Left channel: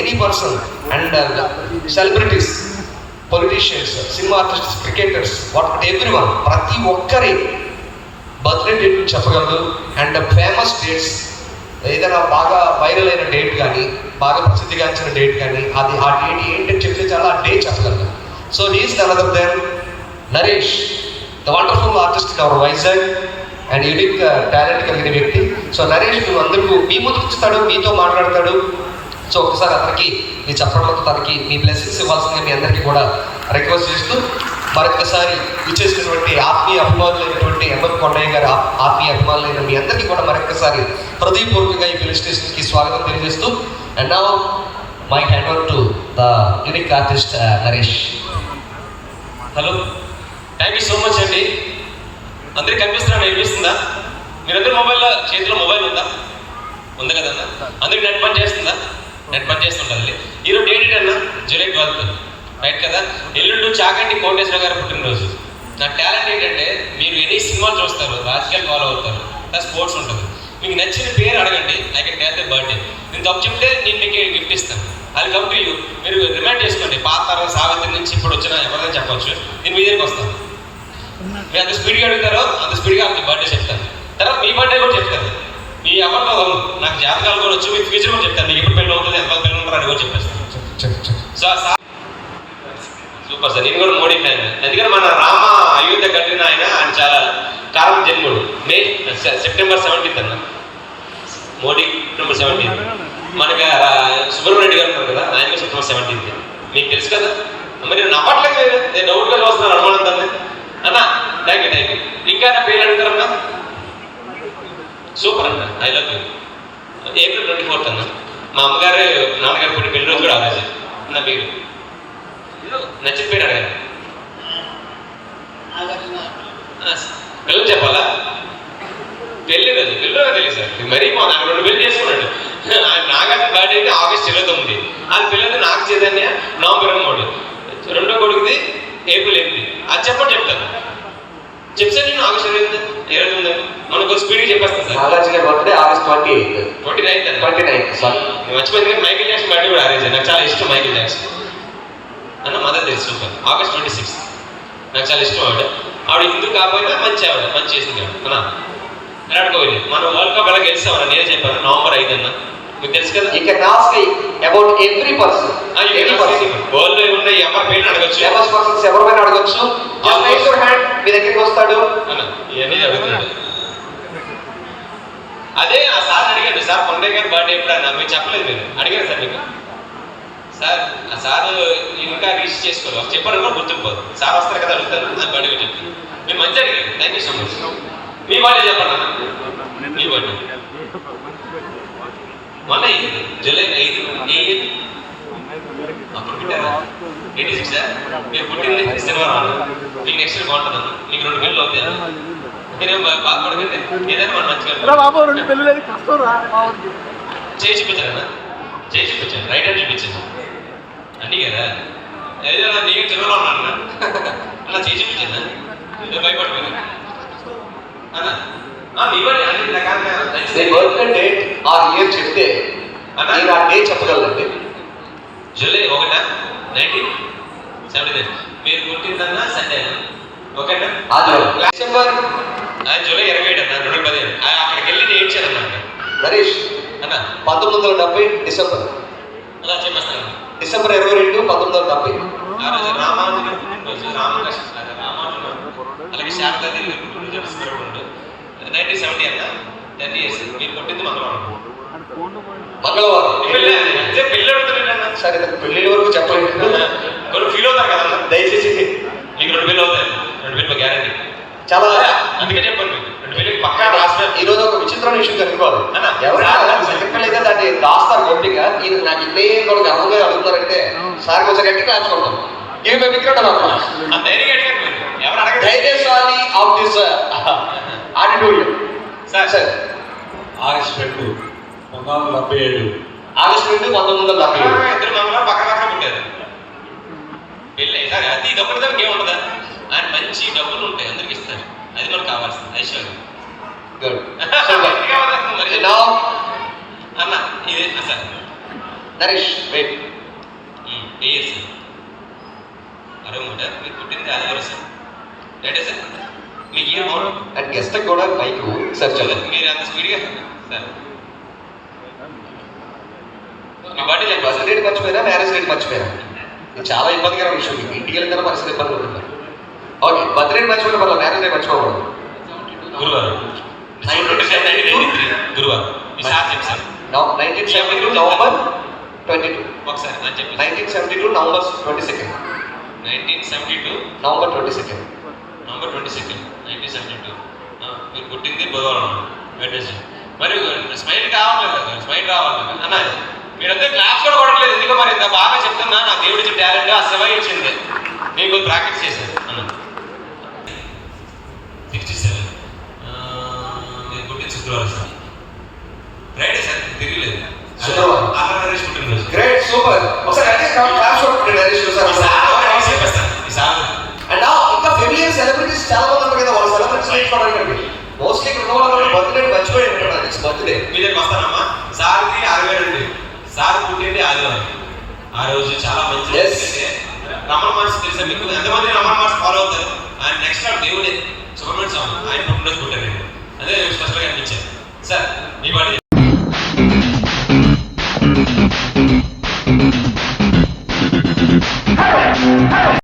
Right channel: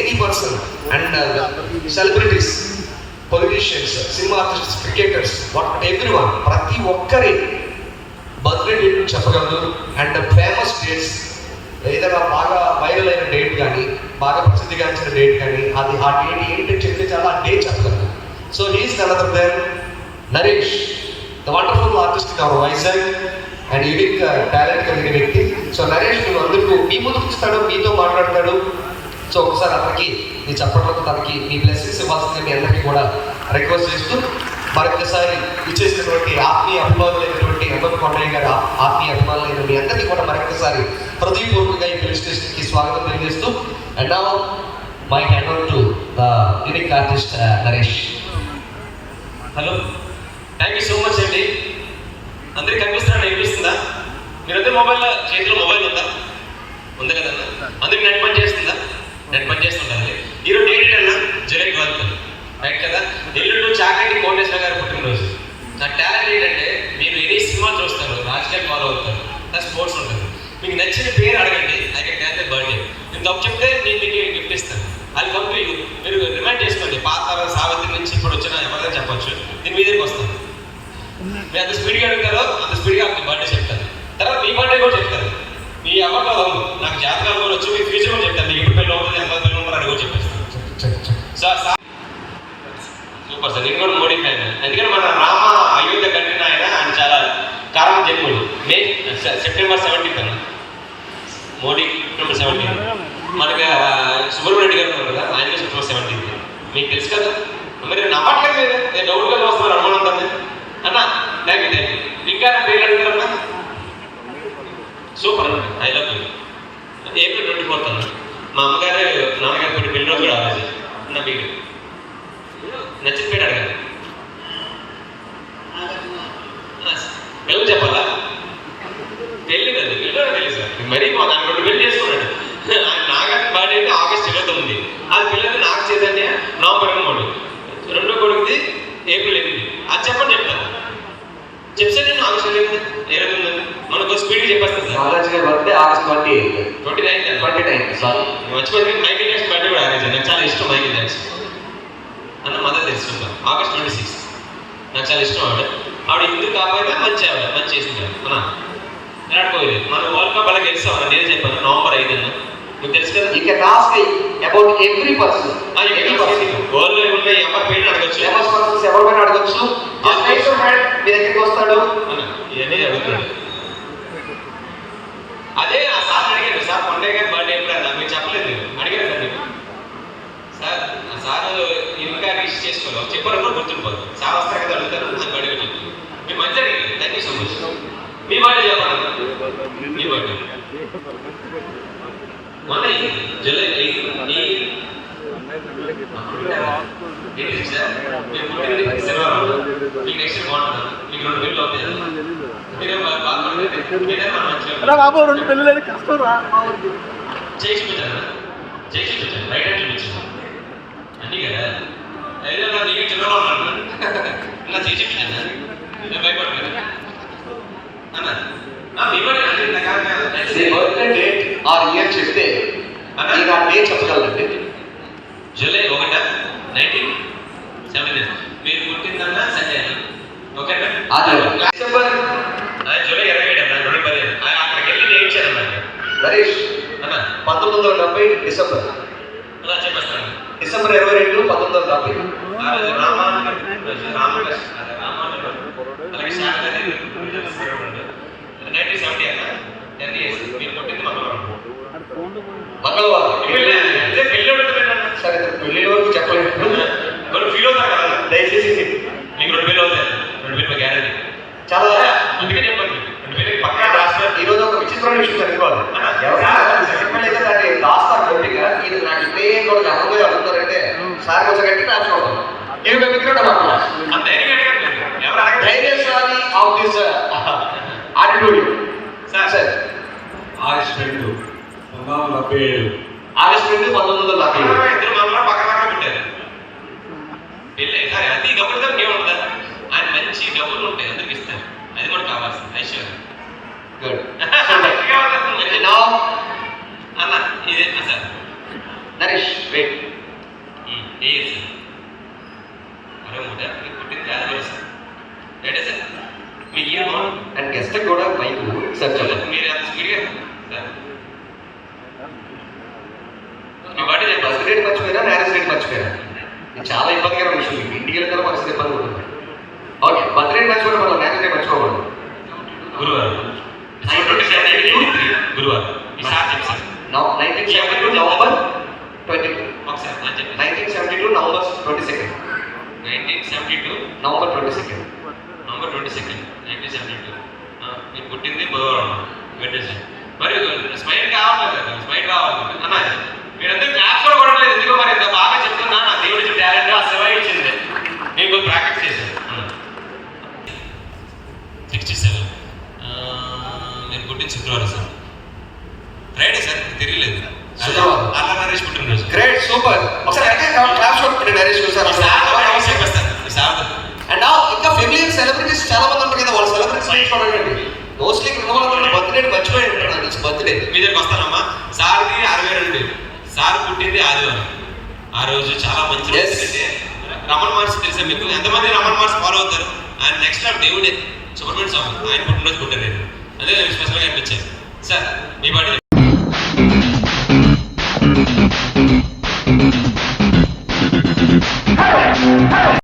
Any person and celebrities, politicians, cinema artists, cricketers, everyone, ప్రతి ఒక్కరి birthday date చెప్పగలరు. And famous dates, ఏదైనా బాగా వైరల్ అయిన డేట్ కానీ, బాగా ప్రసిద్ధిగాంచిన డేట్ కానీ, అది ఆ డేట్ ఏంటని చెప్తే చాలా ఆ డేట్ చెప్పగలరు. So he's none other than Naresh, the wonderful artist in our Vizag and unique talent కలిగిన వ్యక్తి. సో నరేష్ అందరికీ మీ ముందు కూర్చుతాడు, మీతో మాట్లాడతాడు. సో ఒకసారి అతనికి మీ చెప్పడంతో తనకి మీ బ్లెస్సింగ్స్ ఇవ్వాల్సిందే మీ అందరికీ కూడా రిక్వెస్ట్ చేస్తూ, మరొకసారి ఇచ్చేసినటువంటి ఆత్మీయ అభిమానులైనటువంటి ఎంఎం కొండయ్య గారి ఆత్మీయ అభిమానులైన మీ అందరికీ కూడా మరొకసారి హృదయపూర్వకంగా ఈ ఫిల్మ్ స్టేషన్కి స్వాగతం తెలియజేస్తూ, and now my hand over to the unique artist Naresh. Hello, thank you so much అండి. అందరికి కనిపిస్తున్నా, వినిపిస్తుందా? మీరందరూ చేతిలో మొబైల్ ఉందా? ఉంది కదన్నా. అందరికి నెట్ పని చేస్తుందా? నెట్ పని చేస్తుంటుంది. ఈరోజు డేట్ అన్నా జూలై 12 రైట్ కదా. ఎల్లుండి చాగంటి కోటేశ్వర గారు పుట్టినరోజు. నా టాలెంట్ ఏంటంటే, మీరు ఎనీ సినిమాలు చూస్తారు, రాజకీయాలు ఫాలో అవుతారు, స్పోర్ట్స్ ఉంటుంది. మీకు నచ్చిన పేరు అడగండి, I can tell the birthday. నేను తప్పు చెప్తే నేను మీకు గిఫ్ట్ ఇస్తాను. అది కమ్ టు యూ. మీరు రిమైండ్ చేసుకోండి, పాత సావిత్రి నుంచి ఇప్పుడు వచ్చిన ఎవరైనా చెప్పచ్చు. నేను మీ దగ్గరికి వస్తాను. మీరు అంత స్పీడ్గా అడుగుతారో అంత స్పీడ్గా మీ బర్త్డే చెప్తాను. తర్వాత మీ బర్త్డే కూడా చెప్తాను. మీ ఎవరిలో నాకు జాతకాలు కూడా వచ్చి మీ ఫ్యూచర్ కూడా చెప్తాను. మీకు ఎప్పుడు పెళ్ళి అవుతుంది, ఎంత పెళ్ళి ఉంటారు అని కూడా చెప్పేస్తాను. Super sir. నేను కూడా మోడీ ఫ్యాన్. ఎందుకంటే మన రామ అయోధ్య కట్టిన ఆయన చాలా కాలం జన్ముడు. సెప్టెంబర్ 17 అన్న మోడీ. సెప్టెంబర్ 17. మనకి సుబ్రహ్మణ్య గారు ఉన్నారు కదా, ఆయన సెప్టెంబర్ 17. మీకు తెలుసు కదా. మరి నేను నమ్మట్లేదు, నేను డౌట్గా వస్తున్నాను అనుమానంతో అన్న. Thank you. ఇంకా నా పేరు అడుగుతారన్నా. సూపర్ అన్న, ఐ లవ్ యూ. ఏప్రిల్ 24 అన్న. మా అమ్మగారు నాన్నగారు పుట్టి పెళ్లి రోజు కూడా ఆ రోజు. నా పేరు నచ్చిన పేరు అడగాలి. పిల్లలు చెప్పాలా? పెళ్ళి కదా, పిల్లలు తెలియదు సార్. మరీ నాకు 2 పెళ్లి చేసుకున్నాడు. నాగార్జున బర్త్డే అయితే ఆగస్ట్ 29. అది పిల్లలు నాగ చైతన్య నవంబర్ 23. రెండో కొడుకుది ఏప్రిల్ 8. అది చెప్పండి చెప్తాను. చెప్తే నేను ఆగస్ట్ 29 మనకు స్పీడ్గా చెప్పేస్తాను సార్. నాగార్జున గారి బర్త్డే ఆగస్ట్ 29 మర్చిపోయింది. కానీ మైకేల్ జాక్సన్ బర్త్డే కూడా ఆరేజ్. నాకు చాలా ఇష్టం మైకేల్ జాక్సన్ అన్న. మదర్ తెలుసు సూపర్. ఆగస్ట్ 26 నాకు చాలా ఇష్టం. ఆవిడ హిందూ కాకపోయినా మంచి ఆవిడ, మంచి చేసింది అన్న. విరాట్ కోహ్లీ మన వరల్డ్ కప్ ఎలా గెలిచామన్న, నేనే చెప్పాను నవంబర్ 5 అన్న. మీకు తెలుసు కదా. You can ask about every person. World లో ఉన్న ఎవరి పేరు అడగచ్చు, ఫేమస్ పర్సన్స్ ఎవరైనా అడగచ్చు. జస్ట్ రైజ్ యువర్ హ్యాండ్, మీ దగ్గరికి వస్తాడు అన్న. ఇవన్నీ అడుగుతున్నాడు. అదే ఆ సార్ అడిగాడు, సార్ కొండయ్య గారి బర్త్డే ఎప్పుడు అన్న? మీరు చెప్పలేదు. మీరు అడిగారు సార్ మీకు. సార్ ఆ సార్ ఇంకా రీచ్ చేసుకోవాలి, చెప్పారు కూడా గుర్తుండిపోదు. సార్ వస్తారు కదా, అడుగుతారు. నాకు బర్త్డే చెప్పి మీరు మంచి అడిగారు. Thank you so much. Me birthday చెప్పండి అన్న. మీ బర్త్డే మొన్న జూలై 5 అప్పుడు పుట్టారా? 86 సార్. మీరు పుట్టింది శనివారం. మీకు నెక్స్ట్ ఇయర్ బాగుంటుంది అన్న. మీకు 2 పెళ్ళి అవుతాయి అన్న. మీరేం బాధపడకండి. ఏదైనా మనం మంచిగా చేసి చూపించారన్న. చేసి చూపించాను. రైట్ హ్యాండ్ చూపించాను అన్నీ కదా. ఏదైనా నీకు చిన్నలో ఉన్నాను అన్న. చేసి చూపించాను. నేను భయపడలేదు అన్న. బర్త్డే డేట్ ఆర్ ఇయర్ చెప్తే నేను ఆ డేట్ చెప్పగలండి. జూలై 1, 1979. మీరు పుట్టిందన్నా సండే ఓకేనా? డిసెంబర్ జూలై 27 అన్న 2015. అక్కడికి వెళ్ళి నేను ఏడ్చాను అన్నమాట. నరేష్ అన్న 1970 డిసెంబర్. అలా చెప్పేస్తాను. డిసెంబర్ 22, 1970. ఆ రోజు రామానుజుడు అలాగే శారదాదేవి 1970 అన్న. 10 years. మీరు పుట్టింది మంగళవారం. పెళ్ళి అడుగుతారు సరే, పెళ్ళిళ్ళ వరకు చెప్పలేదు. కొన్ని ఫీల్ అవుతారు కదా. దయచేసి మీకు 2 పెళ్ళి అవుతాయి. 2 పెళ్ళి గ్యారంటీ. చాలా అందుకే చెప్పండి, మీకు 2 పెళ్ళికి పక్కా రాసిన. ఈ రోజు ఒక విచిత్రమైన విషయం తెలుసుకోవాలి. ఎవరైనా సెకండ్ పెళ్ళి అయితే దాన్ని రాస్తారు గట్టిగా. ఇది నాకు ఇదే కూడా గర్వంగా అడుగుతారంటే సార్ కొంచెం గట్టిగా రాసుకుంటాం. ధైర్యశాలి of this auditorium. Sir August 2, 1977. August 2, 1977. ఇద్దరు మంగళవారం పక్కన పక్కన పుట్టారు. పెళ్ళి సరే అతి డబ్బులు దానికి ఏముంటుందా? ఆయన మంచి డబ్బులు ఉంటాయి, అందరికి ఇస్తారు. అది మనకు కావాల్సింది ఐశ్వర్యం. గుడ్. అన్న ఇదే సార్ నరేష్ వెయిట్. ఏ ఇయర్ సార్? 63. మీకు పుట్టింది ఆదివారం సార్. రైటే సార్? మీకు ఇయర్ బాగుంటుంది. అండ్ గెస్ట్ కూడా మైక్ సార్ చదువు. మీరు అంత స్పీడ్గా సార్ మీ బర్త్డే చెప్పాలి బర్త్ సార్. డేట్ మర్చిపోయినా, మ్యారేజ్ డేట్ మర్చిపోయినా, ఇది చాలా ఇబ్బందికరమైన విషయం. మీకు ఇంటికి వెళ్ళిన పరిస్థితి ఇబ్బంది ఉంటుంది. ఓకే, బర్త్ డేట్ మర్చిపోయిన వల్ల మ్యారేజ్ డేట్ మర్చిపోకూడదు. గురువారం 1973 గురువారం. ఈ సార్ చెప్పు సార్. 1972 నవంబర్ 22. ఒకసారి అని చెప్పి 1972 నవంబర్ 22. 1972 నవంబర్ 22. నవంబర్ 22 1972. మీరు పుట్టింది బుధవారం వెడ్నెస్డే. మరి స్మైల్ కావట్లేదు కదా, స్మైల్ రావాలి అన్న. మీరందరూ క్లాస్ కూడా కొట్టలేదు ఎందుకో. మరి ఇంత బాగా చెప్తున్నా, నా దేవుడు ఇచ్చిన టాలెంట్ ఆ శివ ఇచ్చింది. నేను కొంచెం ప్రాక్టీస్ చేశాను అన్న. 67. మీరు పుట్టింది శుక్రవారం సార్. ఫ్రైడే సార్, తెలియలేదు. శుక్రవారం. నరేష్ పుట్టినరోజు. Great, super. ఒకసారి అంటే క్లాస్ కొట్టుకుంటే నరేష్ చూసారు. అండ్ ఇంకా ఫెమిలియర్ సెలబ్రిటీస్ చాలా మంది ఉంటారు కదా, వాళ్ళ సెలబ్రిటీస్ నేర్చుకోవడానికి మోస్ట్లీ ఇక్కడ ఉన్న వాళ్ళు బర్త్డే మర్చిపోయి ఉంటాడు. It's birthday. మీ దగ్గర వస్తానమ్మా. సార్ది 62. సార్ పుట్టింది ఆదివారం. ఆ రోజు చాలా మంచి Yes. ఎందుకంటే రమణ మహర్షి తెలుసా మీకు? ఎంతమంది రమణ మహర్షి ఫాలో అవుతారు? ఆయన నెక్స్ట్ టైం దేవుడే సుబ్రహ్మణ్య స్వామి. ఆయన పుట్టినరోజు పుట్టారు. అదే స్పెషల్గా అనిపించారు సార్. మీ బాడీ